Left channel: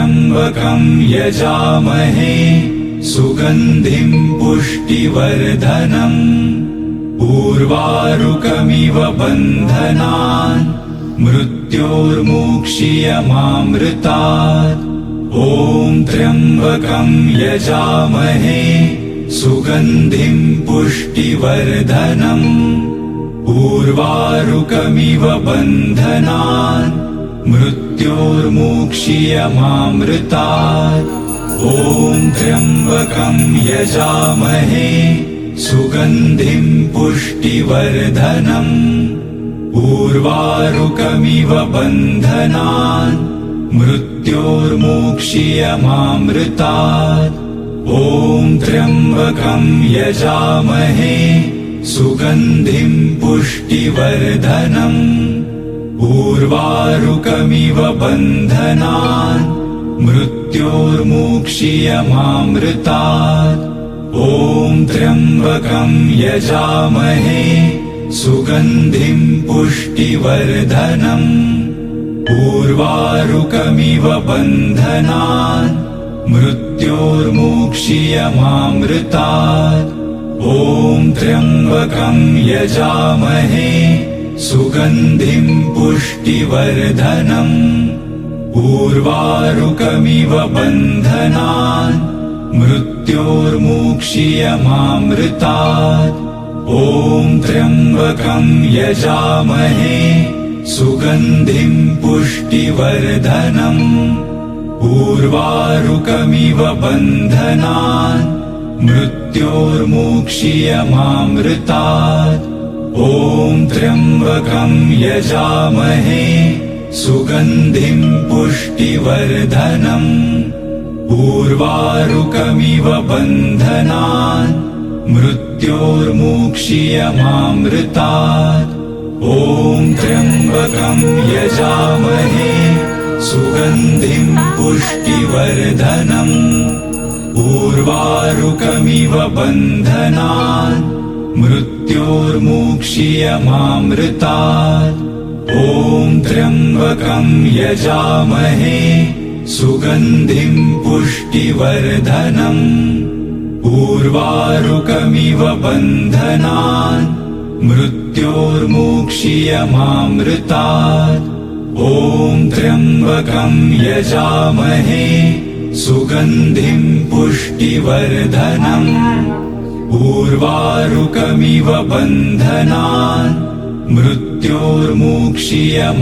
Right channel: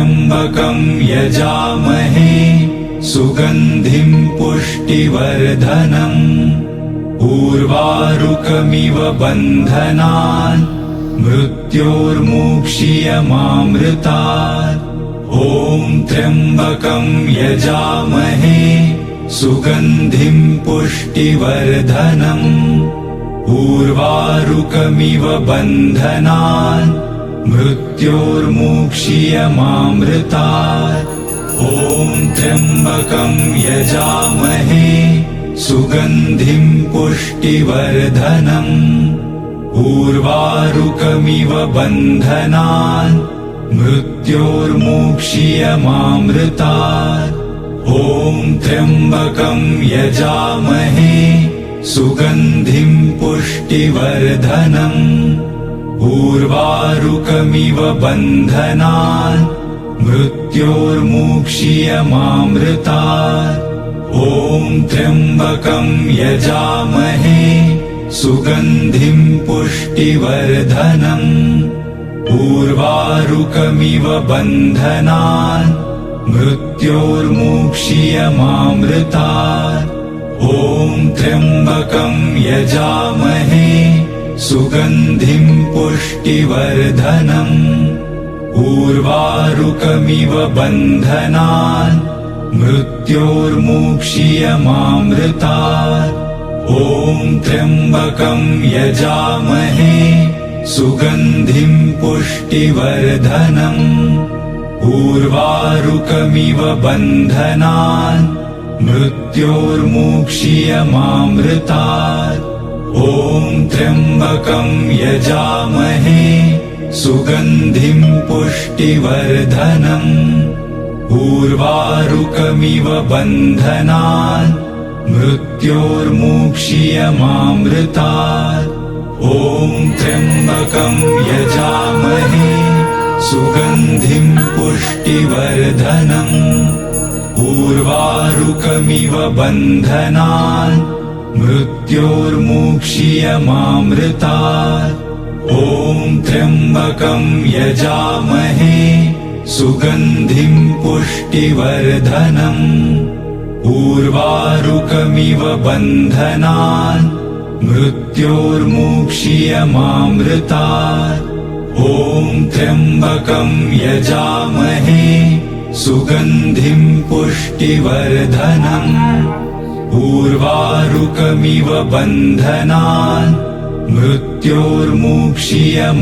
त्र्यम्बकं यजामहे सुगन्धिं पुष्टिवर्धनम् उर्वारुकमिव बन्धनान् मृत्योर्मुक्षीयमामृतात्। ॐ त्र्यम्बकं यजामहे सुगन्धिं पुष्टिवर्धनम् उर्वारुकमिव बन्धनान् मृत्योर्मुक्षीयमामृतात्। ॐ त्र्यम्बकं यजामहे सुगन्धिं पुष्टिवर्धनम् उर्वारुकमिव बन्धनान् मृत्योर्मुक्षीयमामृतात्। ॐ त्र्यम्बकं यजामहे सुगन्धिं पुष्टिवर्धनम् उर्वारुकमिव बन्धनान् मृत्योर्मुक्षीयमामृतात्। ॐ त्र्यम्बकं यजामहे सुगन्धिं पुष्टिवर्धनम् उर्वारुकमिव बन्धनान् मृत्योर्मुक्षीयमामृतात्। ॐ त्र्यम्बकं यजामहे सुगन्धिं पुष्टिवर्धनम् उर्वारुकमिव बन्धनान् मृत्योर्मुक्षीयमामृतात्। ॐ त्र्यम्बकं यजामहे सुगन्धिं पुष्टिवर्धनम् उर्वारुकमिव बन्धनान् मृत्योर्मुक्षीयमामृतात्। ॐ त्र्यम्बकं यजामहे सुगन्धिं पुष्टिवर्धनम् उर्वारुकमिव बन्धनान् मृत्योर्मुक्षीयमामृतात्। ॐ त्र्यम्बकं यजामहे सुगन्धिं पुष्टिवर्धनम् उर्वारुकमिव बन्धनान् मृत्योर्मुक्षीयमामृतात्। ॐ त्र्यम्बकं यजामहे सुगन्धिं पुष्टिवर्धनम् उर्वारुकमिव बन्धनान् मृत्योर्मुक्षीयमामृतात्। ॐ त्र्यम्बकं यजामहे सुगन्धिं पुष्टिवर्धनम् उर्वारुकमिव बन्धनान् मृत्योर्मुक्षीयमामृतात्।